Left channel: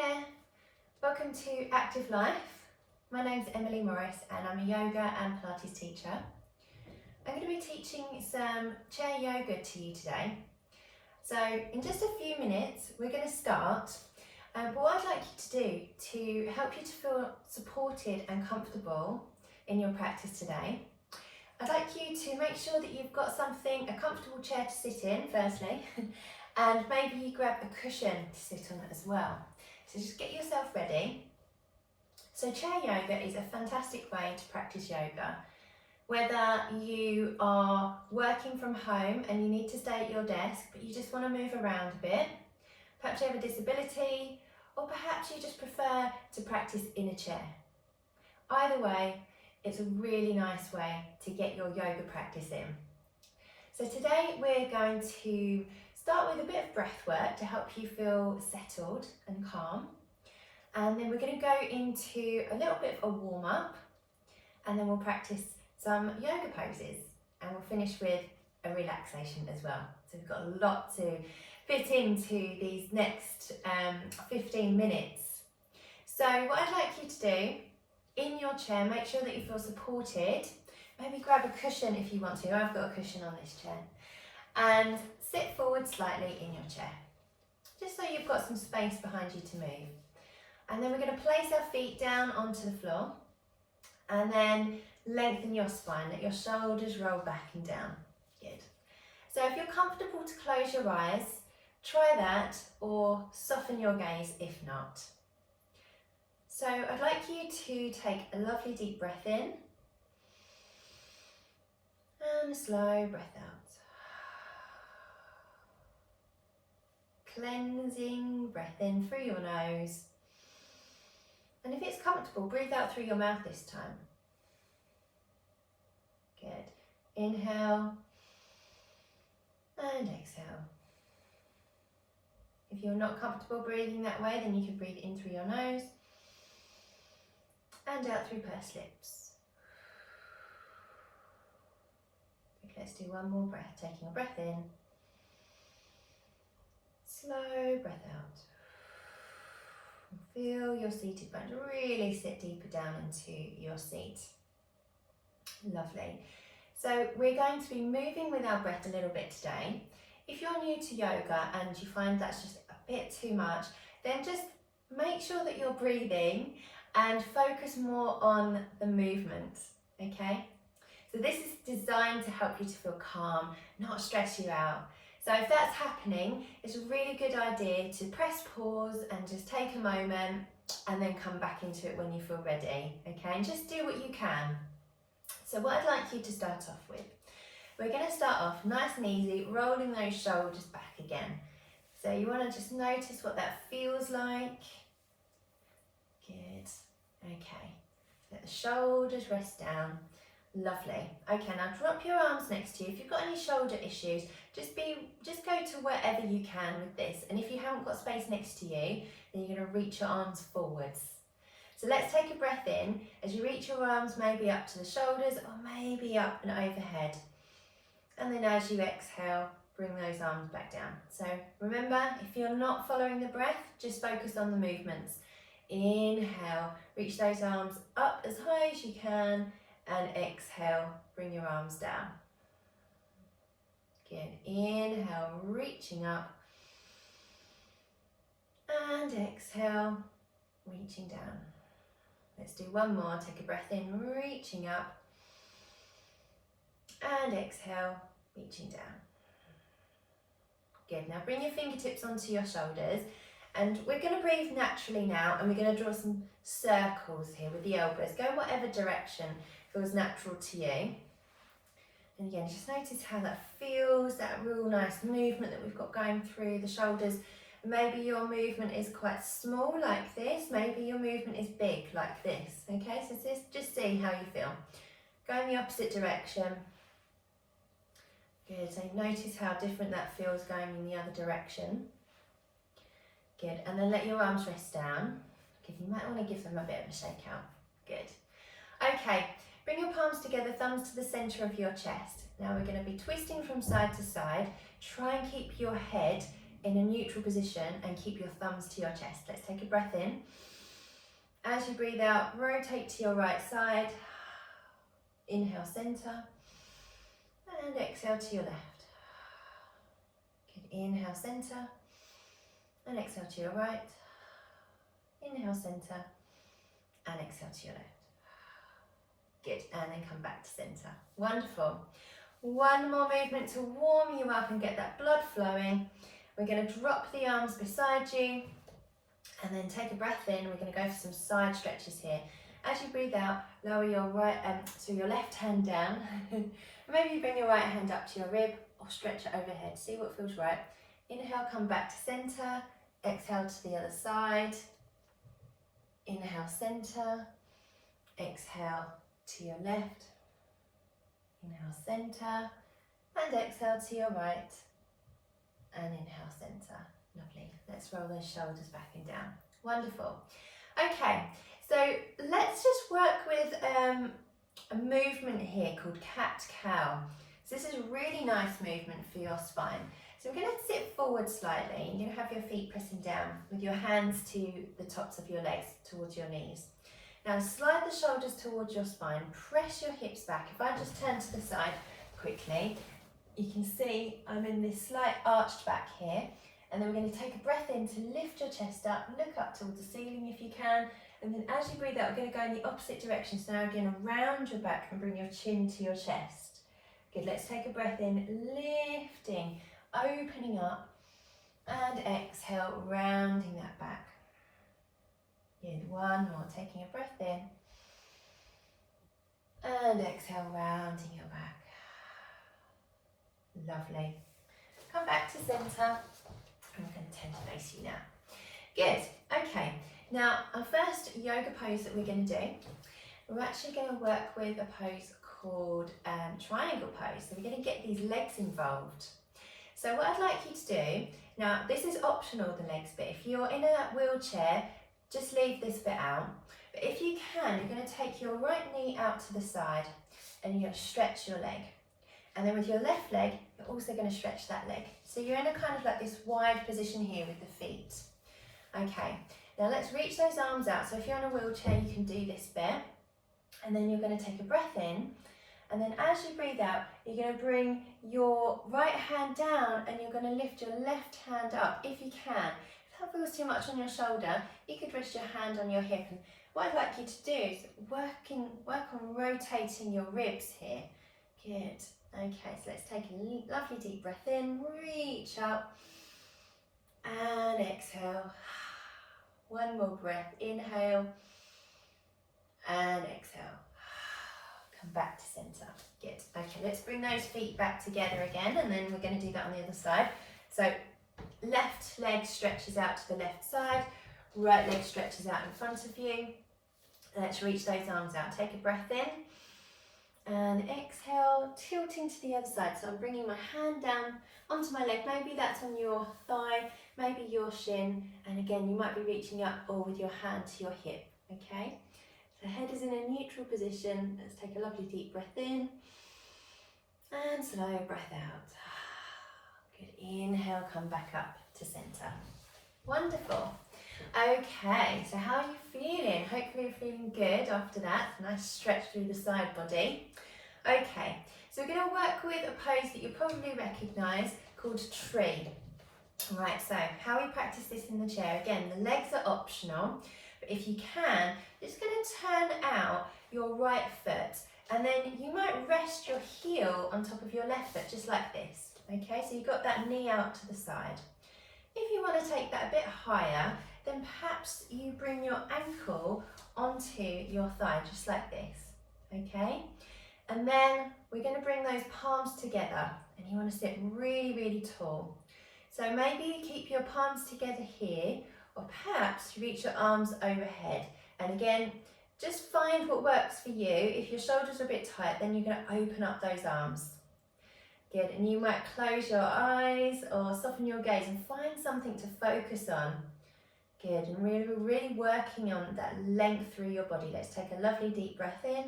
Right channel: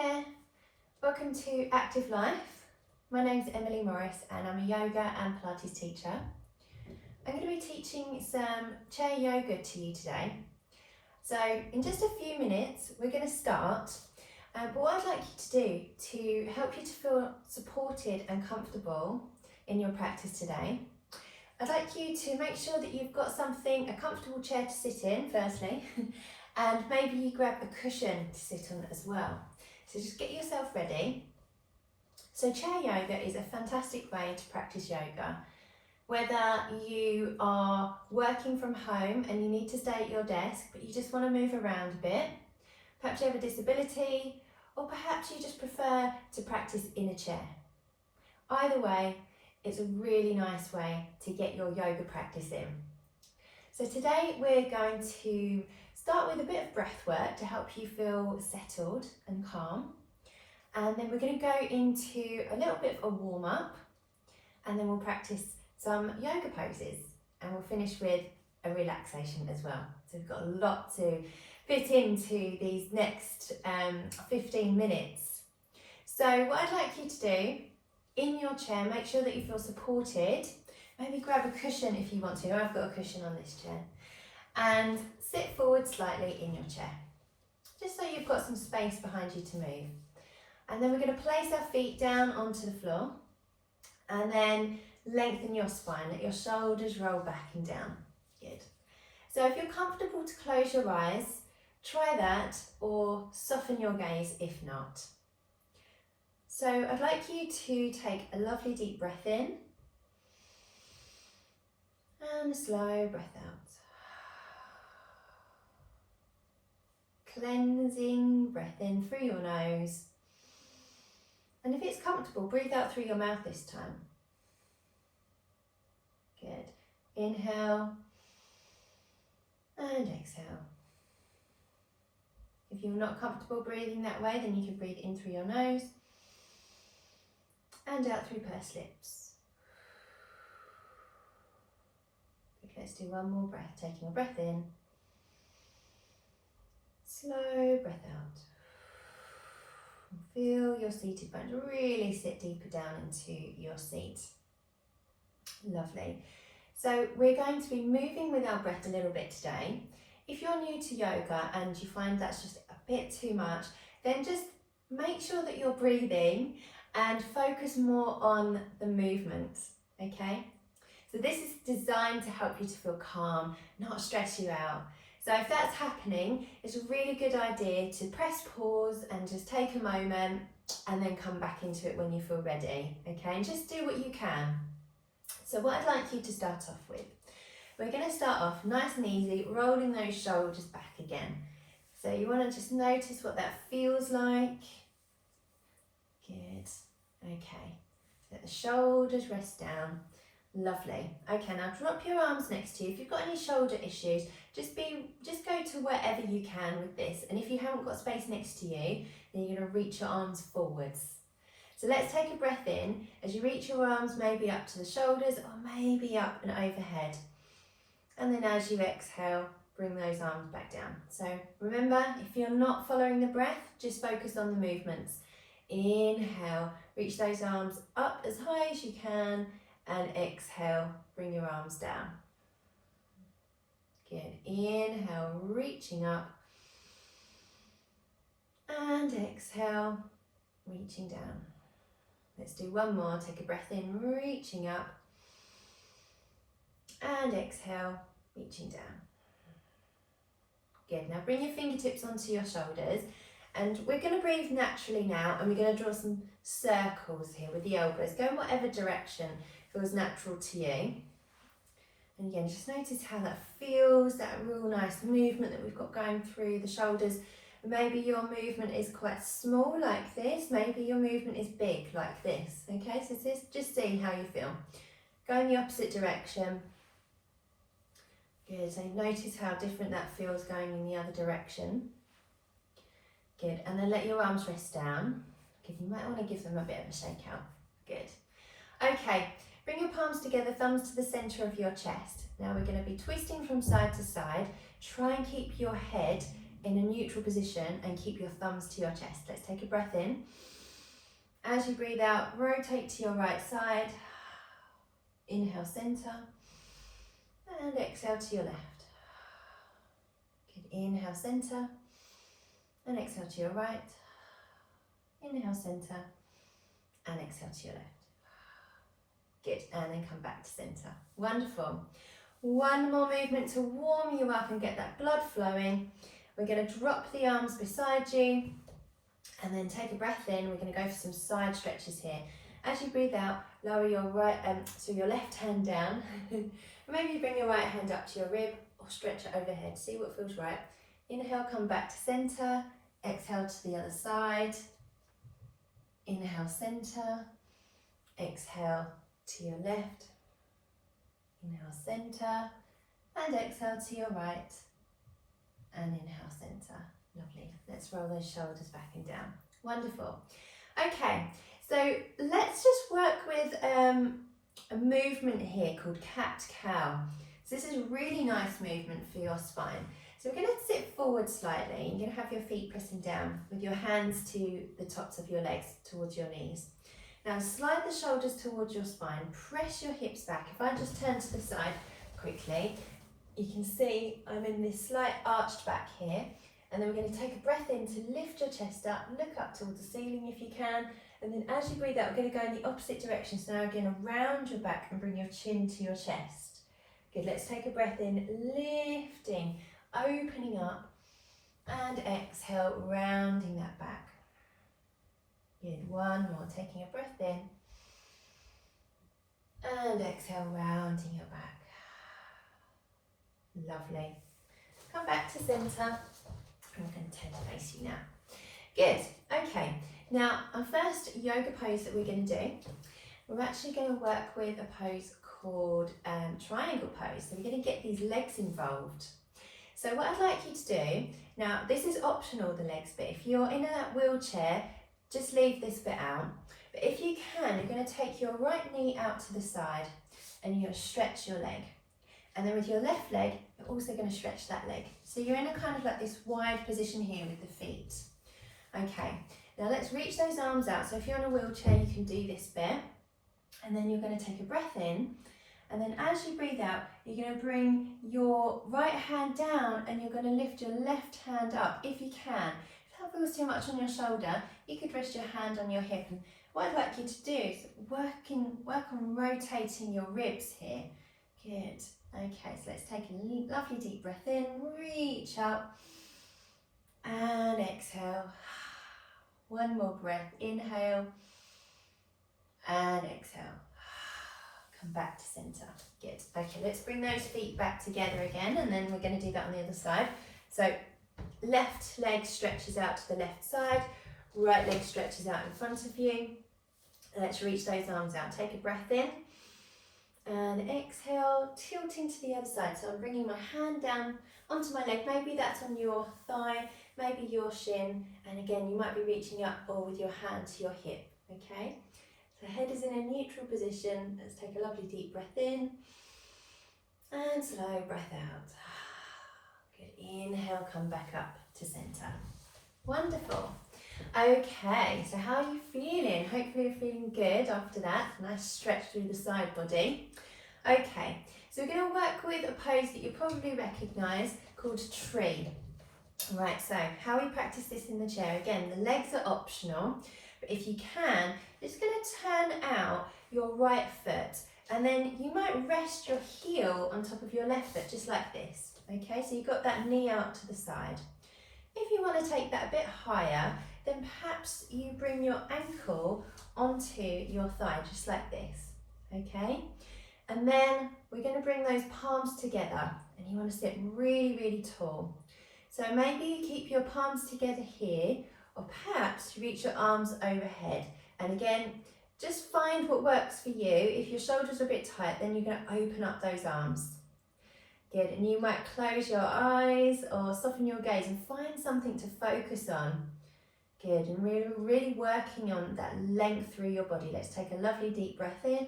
Hi there, welcome to Active Life. My name's Emily Morris and I'm a yoga and Pilates teacher. I'm going to be teaching some chair yoga to you today. So in just a few minutes we're going to start, but what I'd like you to do to help you to feel supported and comfortable in your practice today, I'd like you to make sure that you've got something, a comfortable chair to sit in firstly, and maybe you grab a cushion to sit on as well. So just get yourself ready. So chair yoga is a fantastic way to practice yoga. Whether you are working from home and you need to stay at your desk, but you just want to move around a bit, perhaps you have a disability, or perhaps you just prefer to practice in a chair. Either way, it's a really nice way to get your yoga practice in. So today we're going to start with a bit of breath work to help you feel settled and calm. And then we're going to go into a little bit of a warm up, and then we'll practice some yoga poses, and we'll finish with a relaxation as well. So we've got a lot to fit into these next 15 minutes. So what I'd like you to do in your chair, make sure that you feel supported. Maybe grab a cushion if you want to. I've got a cushion on this chair. And sit forward slightly in your chair, just so you've got some space behind you to move. And then we're going to place our feet down onto the floor, and then lengthen your spine, let your shoulders roll back and down. Good. So if you're comfortable to close your eyes, try that, or soften your gaze if not. So I'd like you to take a lovely deep breath in, and a slow breath out. Cleansing breath in through your nose, and if it's comfortable, breathe out through your mouth this time. Good. Inhale and exhale. If you're not comfortable breathing that way, then you can breathe in through your nose and out through pursed lips. Good. Let's do one more breath, taking a breath in. Slow breath out. Feel your seated bones really sit deeper down into your seat. Lovely. So we're going to be moving with our breath a little bit today. If you're new to yoga and you find that's just a bit too much, then just make sure that you're breathing and focus more on the movement, okay? So this is designed to help you to feel calm, not stress you out. So if that's happening, it's a really good idea to press pause and just take a moment and then come back into it when you feel ready, okay? And just do what you can. So what I'd like you to start off with, we're going to start off nice and easy, rolling those shoulders back again. So you want to just notice what that feels like. Good, okay. Let the shoulders rest down. Lovely. Okay, now drop your arms next to you. If you've got any shoulder issues, just go to wherever you can with this. And if you haven't got space next to you, then you're going to reach your arms forwards. So let's take a breath in as you reach your arms maybe up to the shoulders or maybe up and overhead. And then as you exhale, bring those arms back down. So remember, if you're not following the breath, just focus on the movements. Inhale, reach those arms up as high as you can. And exhale, bring your arms down. Good. Inhale, reaching up. And exhale, reaching down. Let's do one more. Take a breath in, reaching up. And exhale, reaching down. Good. Now bring your fingertips onto your shoulders. And we're going to breathe naturally now. And we're going to draw some circles here with the elbows. Go in whatever direction feels natural to you. And again, just notice how that feels, that real nice movement that we've got going through the shoulders. Maybe your movement is quite small like this, maybe your movement is big like this, okay? So just see how you feel. Go in the opposite direction. Good, so notice how different that feels going in the other direction. Good, and then let your arms rest down. Okay, you might want to give them a bit of a shake out. Good. Okay. Bring your palms together, thumbs to the centre of your chest. Now we're going to be twisting from side to side. Try and keep your head in a neutral position and keep your thumbs to your chest. Let's take a breath in. As you breathe out, rotate to your right side. Inhale, center. And exhale to your left. Good. Inhale, center. And exhale to your right. Inhale, center. And exhale to your left. Good. And then come back to center. Wonderful. One more movement to warm you up and get that blood flowing. We're going to drop the arms beside you and then take a breath in. We're going to go for some side stretches here. As you breathe out, lower your your left hand down. Maybe bring your right hand up to your rib or stretch it overhead. See what feels right. Inhale, come back to center. Exhale to the other side. Inhale, center. Exhale to your left. Inhale, center. And exhale to your right. And inhale, center. Lovely. Let's roll those shoulders back and down. Wonderful. Okay, so let's just work with a movement here called cat-cow. So this is a really nice movement for your spine. So we're going to sit forward slightly. You're going to have your feet pressing down with your hands to the tops of your legs towards your knees. Now slide the shoulders towards your spine. Press your hips back. If I just turn to the side quickly, you can see I'm in this slight arched back here. And then we're going to take a breath in to lift your chest up, look up towards the ceiling if you can. And then as you breathe out, we're going to go in the opposite direction. So now again, round your back and bring your chin to your chest. Good, let's take a breath in, lifting, opening up, and exhale, rounding that back. Good, one more, taking a breath in, and exhale, rounding your back. Lovely. Come back to centre. I'm going to turn to face you now. Good, okay. Now, our first yoga pose that we're going to do, we're actually going to work with a pose called triangle pose. So we're going to get these legs involved. So what I'd like you to do, now this is optional, the legs bit. If you're in a wheelchair, just leave this bit out. But if you can, you're going to take your right knee out to the side and you're going to stretch your leg. And then with your left leg, you're also going to stretch that leg. So you're in a kind of like this wide position here with the feet. Okay, now let's reach those arms out. So if you're in a wheelchair, you can do this bit. And then you're going to take a breath in. And then as you breathe out, you're going to bring your right hand down and you're going to lift your left hand up if you can. If that feels too much on your shoulder, you could rest your hand on your hip. And what I'd like you to do is work on rotating your ribs here. Good. Okay, so let's take a lovely deep breath in, reach up and exhale. One more breath, inhale and exhale. Come back to centre. Good. Okay, let's bring those feet back together again and then we're going to do that on the other side. So left leg stretches out to the left side, right leg stretches out in front of you. Let's reach those arms out. Take a breath in. And exhale, tilting to the other side. So I'm bringing my hand down onto my leg. Maybe that's on your thigh, maybe your shin. And again, you might be reaching up or with your hand to your hip, okay? So head is in a neutral position. Let's take a lovely deep breath in. And slow breath out. Good, inhale, come back up to centre. Wonderful. Okay, so how are you feeling? Hopefully you're feeling good after that. Nice stretch through the side body. Okay, so we're going to work with a pose that you probably recognise called tree. Right, so how we practice this in the chair. Again, the legs are optional, but if you can, you're just going to turn out your right foot and then you might rest your heel on top of your left foot just like this. Okay, so you've got that knee out to the side. If you want to take that a bit higher, then perhaps you bring your ankle onto your thigh, just like this, okay? And then we're going to bring those palms together, and you want to sit really, really tall. So maybe you keep your palms together here, or perhaps you reach your arms overhead. And again, just find what works for you. If your shoulders are a bit tight, then you're going to open up those arms. Good, and you might close your eyes or soften your gaze and find something to focus on. Good, and really working on that length through your body. Let's take a lovely deep breath in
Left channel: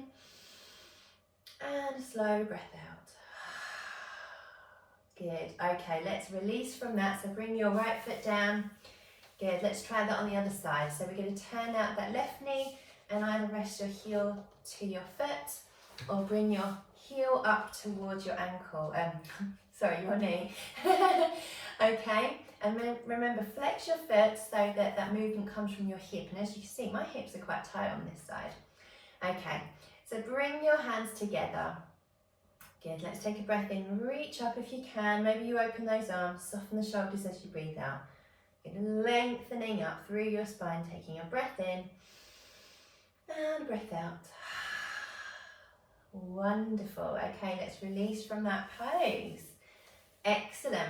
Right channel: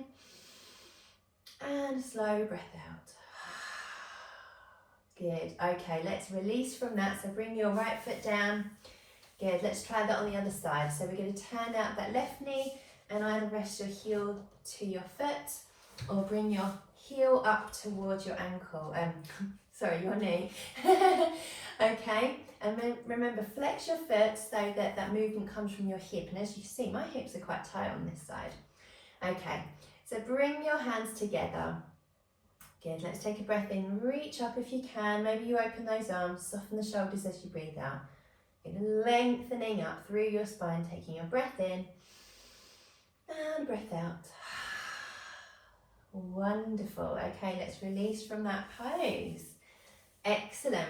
and a slow breath out. Good. Okay, let's release from that. So bring your right foot down. Good. Let's try that on the other side. So we're going to turn out that left knee and either rest your heel to your foot or bring your heel up towards your ankle. Sorry, your knee. Okay, and then remember, flex your foot so that that movement comes from your hip. And as you can see, my hips are quite tight on this side. Okay, so bring your hands together. Good, let's take a breath in, reach up if you can. Maybe you open those arms, soften the shoulders as you breathe out. Good, lengthening up through your spine, taking a breath in and a breath out. Wonderful. Okay, let's release from that pose. Excellent.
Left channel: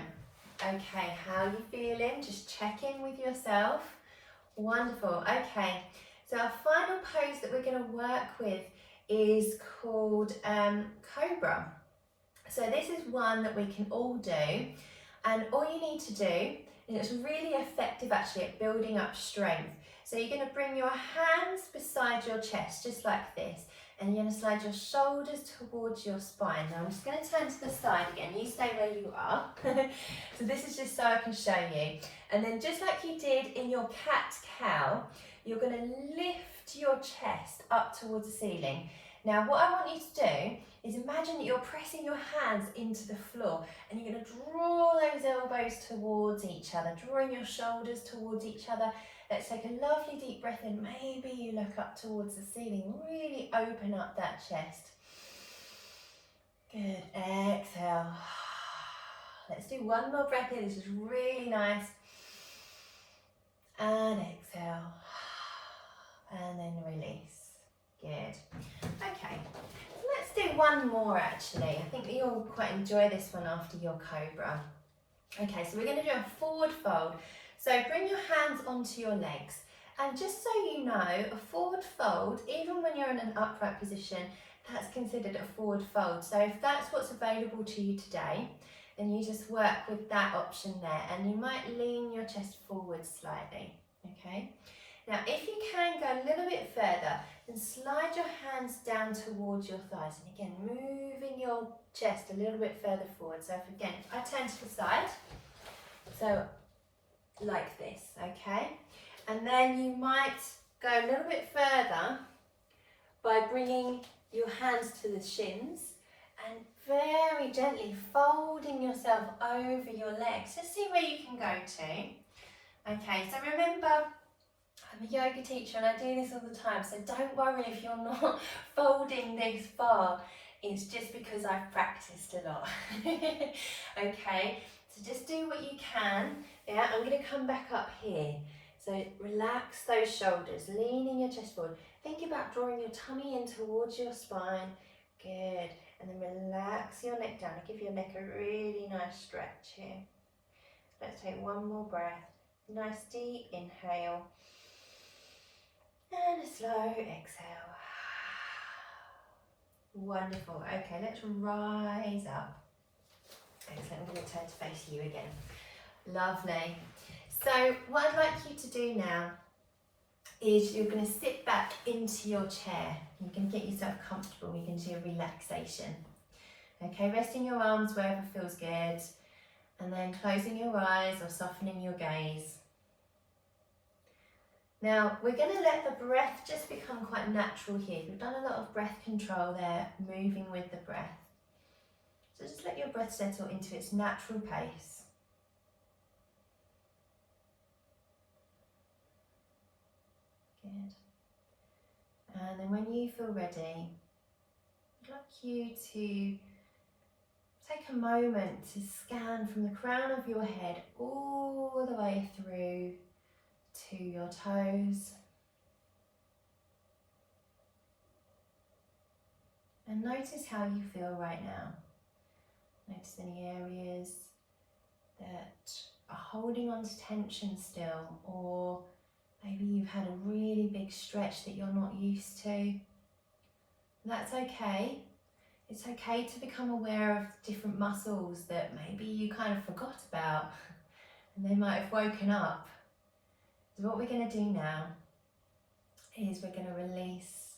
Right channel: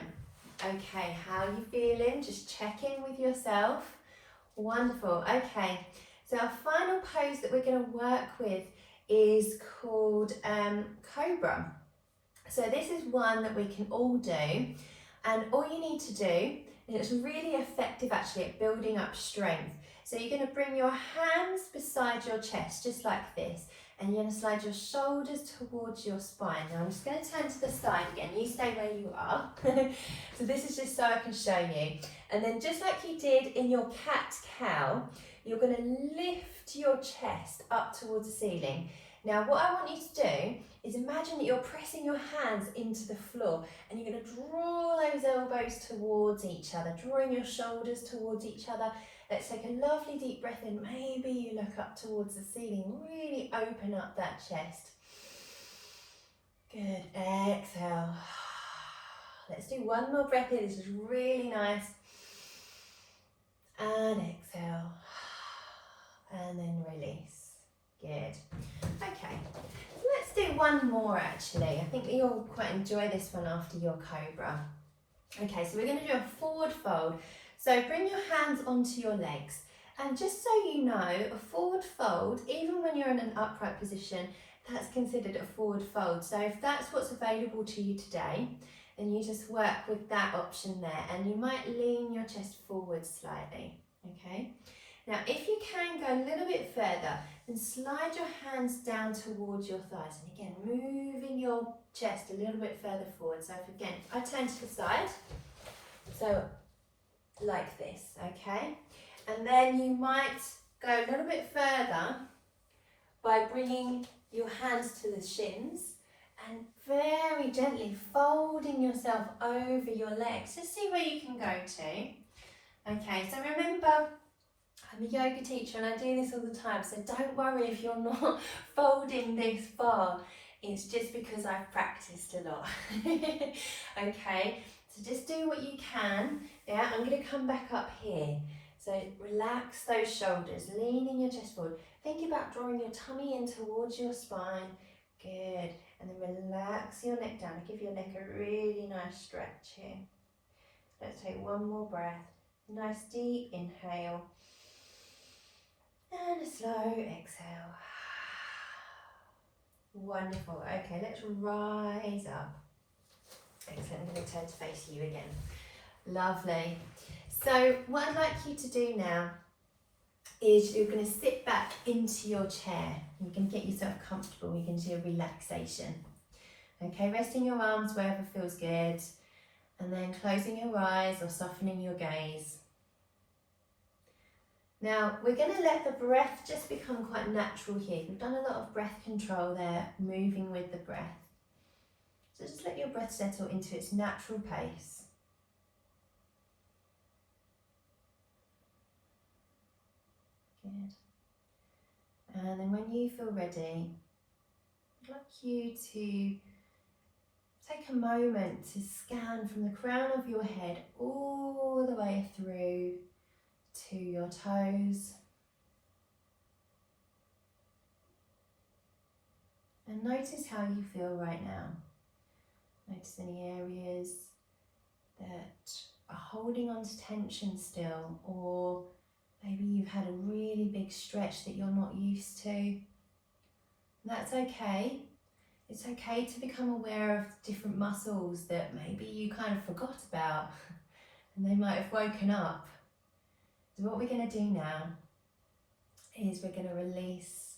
Okay, how are you feeling? Just check in with yourself. Wonderful. Okay, so our final pose that we're going to work with is called Cobra. So this is one that we can all do, and all you need to do, and it's really effective actually at building up strength. So you're going to bring your hands beside your chest, just like this, and you're going to slide your shoulders towards your spine. Now I'm just going to turn to the side again. You stay where you are. So this is just so I can show you. And then just like you did in your cat-cow, you're going to lift your chest up towards the ceiling. Now what I want you to do is imagine that you're pressing your hands into the floor and you're going to draw those elbows towards each other, drawing your shoulders towards each other. Let's take a lovely deep breath in. Maybe you look up towards the ceiling. Really open up that chest. Good. Exhale. Let's do one more breath here. This is really nice. And exhale. And then release. Good. Okay. Let's do one more actually. I think you'll quite enjoy this one after your Cobra. Okay, so we're going to do a forward fold. So bring your hands onto your legs, and just so you know, a forward fold, even when you're in an upright position, that's considered a forward fold. So if that's what's available to you today, then you just work with that option there, and you might lean your chest forward slightly, okay? Now if you can go a little bit further, then slide your hands down towards your thighs, and again, moving your chest a little bit further forward. So if I turn to the side, so like this, okay? And then you might go a little bit further by bringing your hands to the shins and very gently folding yourself over your legs. Just see where you can go to. Okay, so remember, I'm a yoga teacher and I do this all the time, so don't worry if you're not folding this far. It's just because I've practiced a lot. Okay, so just do what you can. Yeah, I'm going to come back up here. So relax those shoulders, leaning your chest forward. Think about drawing your tummy in towards your spine. Good. And then relax your neck down. Give your neck a really nice stretch here. Let's take one more breath. Nice deep inhale. And a slow exhale. Wonderful. Okay, let's rise up. Excellent. I'm going to turn to face you again. Lovely. So what I'd like you to do now is you're going to sit back into your chair. You can get yourself comfortable. You can do a relaxation. Okay, resting your arms wherever feels good, and then closing your eyes or softening your gaze. Now we're going to let the breath just become quite natural here. We've done a lot of breath control there, moving with the breath. So just let your breath settle into its natural pace. Good. And then when you feel ready, I'd like you to take a moment to scan from the crown of your head all the way through to your toes. And notice how you feel right now. Notice any areas that are holding on to tension still, or maybe you've had a really big stretch that you're not used to. That's okay. It's okay to become aware of different muscles that maybe you kind of forgot about and they might have woken up. So what we're going to do now is we're going to release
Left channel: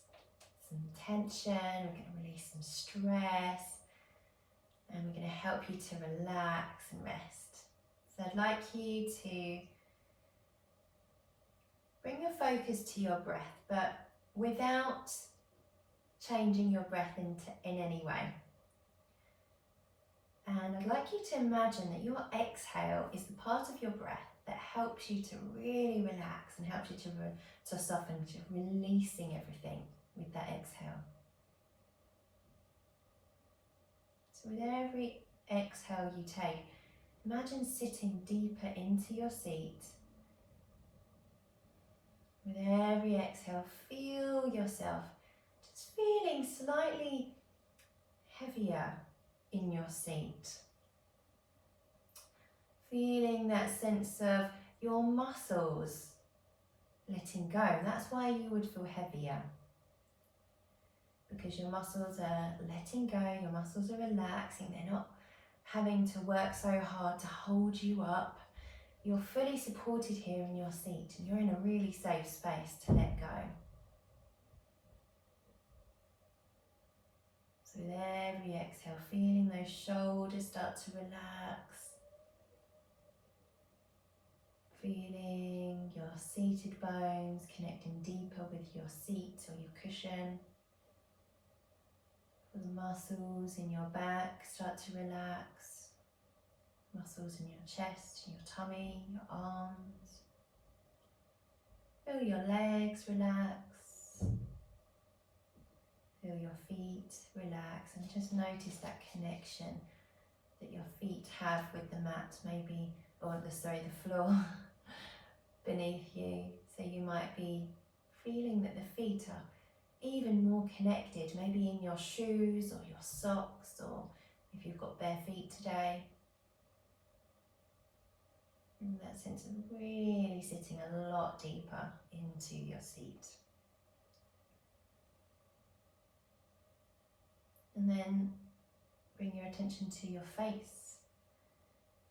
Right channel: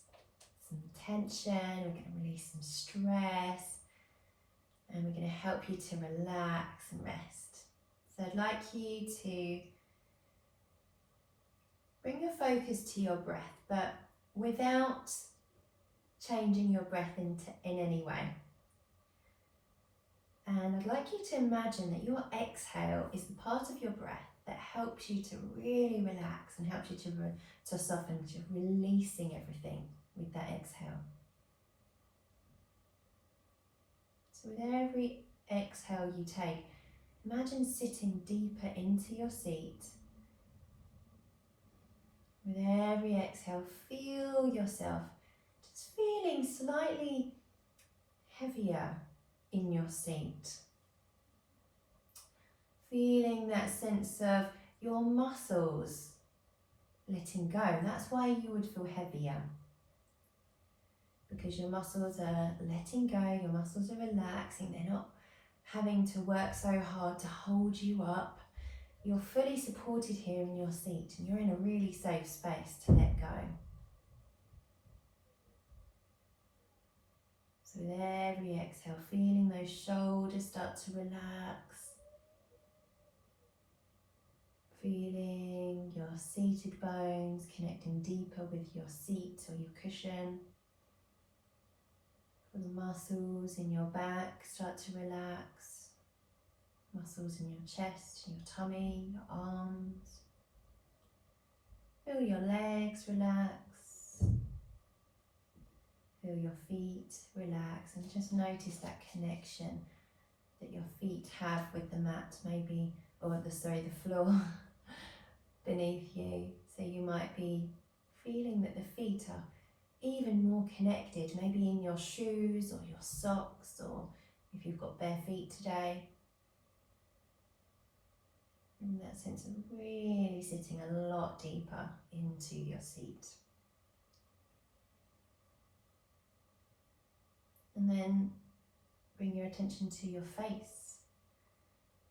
some tension, we're going to release some stress, and we're going to help you to relax and rest. So I'd like you to bring your focus to your breath, but without changing your breath in any way. And I'd like you to imagine that your exhale is the part of your breath that helps you to really relax and helps you to soften, to releasing everything with that exhale. So with every exhale you take, imagine sitting deeper into your seat. With every exhale, feel yourself just feeling slightly heavier in your seat. Feeling that sense of your muscles letting go. And that's why you would feel heavier. Because your muscles are letting go, your muscles are relaxing, they're not having to work so hard to hold you up. You're fully supported here in your seat and you're in a really safe space to let go. So with every exhale, feeling those shoulders start to relax. Feeling your seated bones connecting deeper with your seat or your cushion. Feel the muscles in your back start to relax. Muscles in your chest, your tummy, your arms. Feel your legs relax. Feel your feet relax and just notice that connection that your feet have with the mat, maybe, or the floor beneath you. So you might be feeling that the feet are even more connected, maybe in your shoes or your socks, or if you've got bare feet today. And that sense of really sitting a lot deeper into your seat. And then bring your attention to your face.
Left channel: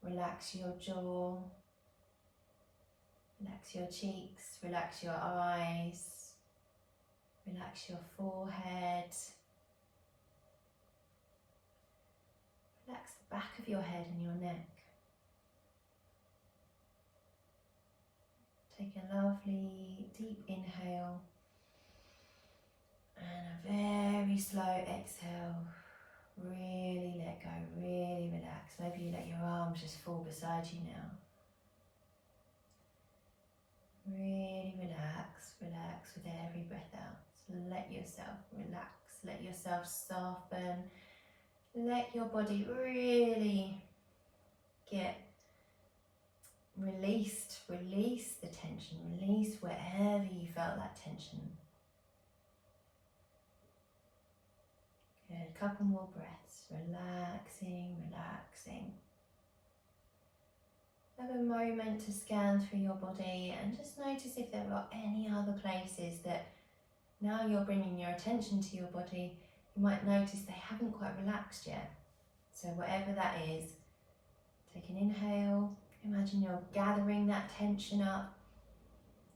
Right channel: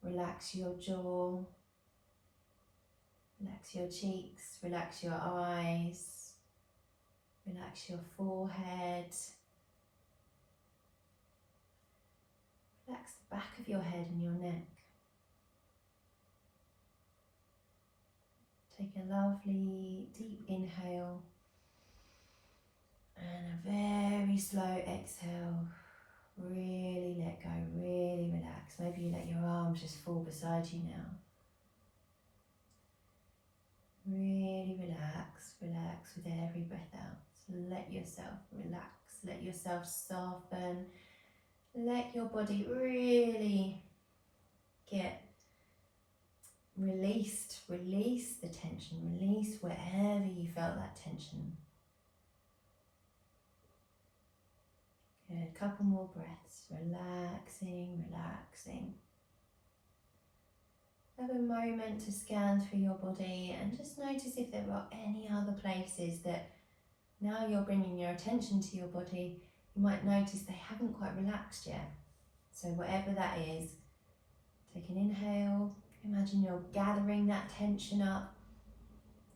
Relax your jaw, relax your cheeks, relax your eyes, relax your forehead. Relax the back of your head and your neck. Take a lovely deep inhale and a very slow exhale. Really let go, really relax. Maybe you let your arms just fall beside you now. Really relax, relax with every breath out. So let yourself relax, let yourself soften. Let your body really get released. Release the tension, release wherever you felt that tension. Good, a couple more breaths, relaxing, relaxing. Have a moment to scan through your body and just notice if there are any other places that now you're bringing your attention to your body, you might notice they haven't quite relaxed yet. So whatever that is, take an inhale, imagine you're gathering that tension up,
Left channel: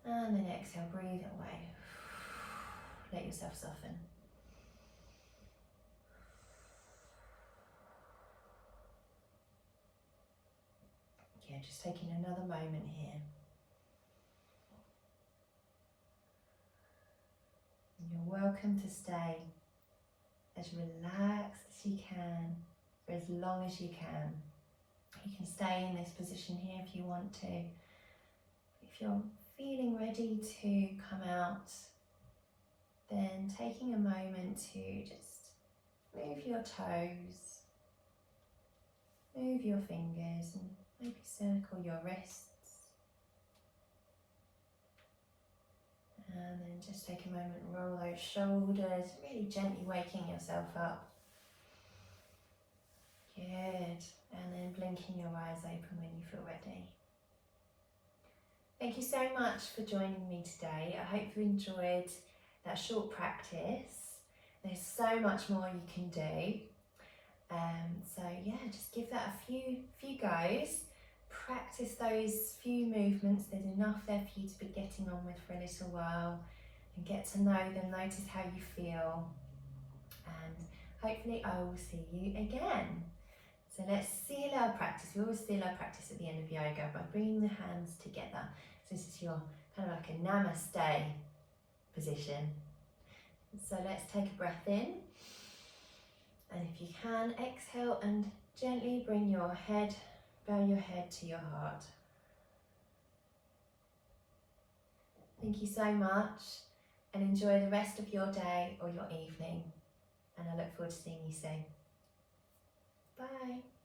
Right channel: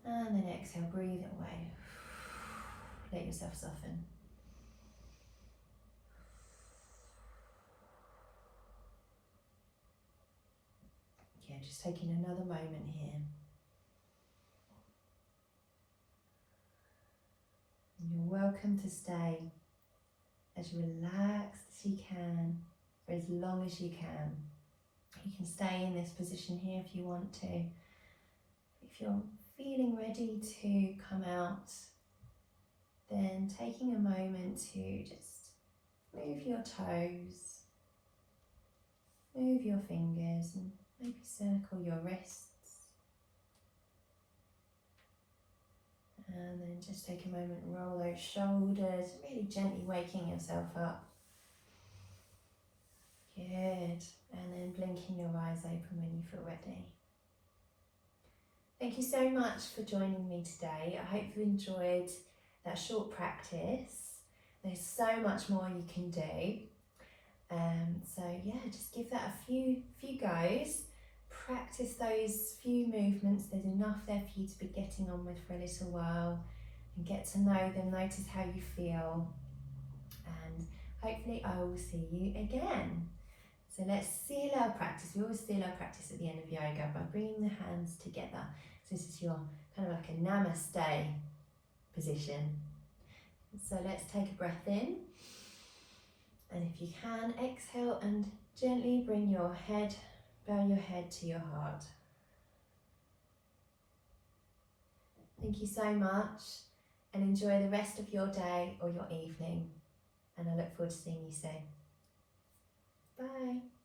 and then exhale, breathe it away. Let yourself soften. Yeah, just taking another moment here. And you're welcome to stay as relaxed as you can for as long as you can. You can stay in this position here if you want to. If you're feeling ready to come out, then taking a moment to just move your toes, move your fingers, and maybe circle your wrists. And then just take a moment and roll those shoulders, really gently waking yourself up. Good. And then blinking your eyes open when you feel ready. Thank you so much for joining me today. I hope you enjoyed that short practice. There's so much more you can do. So yeah, just give that a few goes. Practice those few movements. There's enough there for you to be getting on with for a little while and get to know them, notice how you feel, and hopefully I will see you again. So let's seal our practice. We always seal our practice at the end of yoga by bringing the hands together. So this is your kind of like a namaste position. So let's take a breath in. And if you can, exhale and gently bring your head, bow your head to your heart. Thank you so much and enjoy the rest of your day or your evening. And I look forward to seeing you soon. Bye.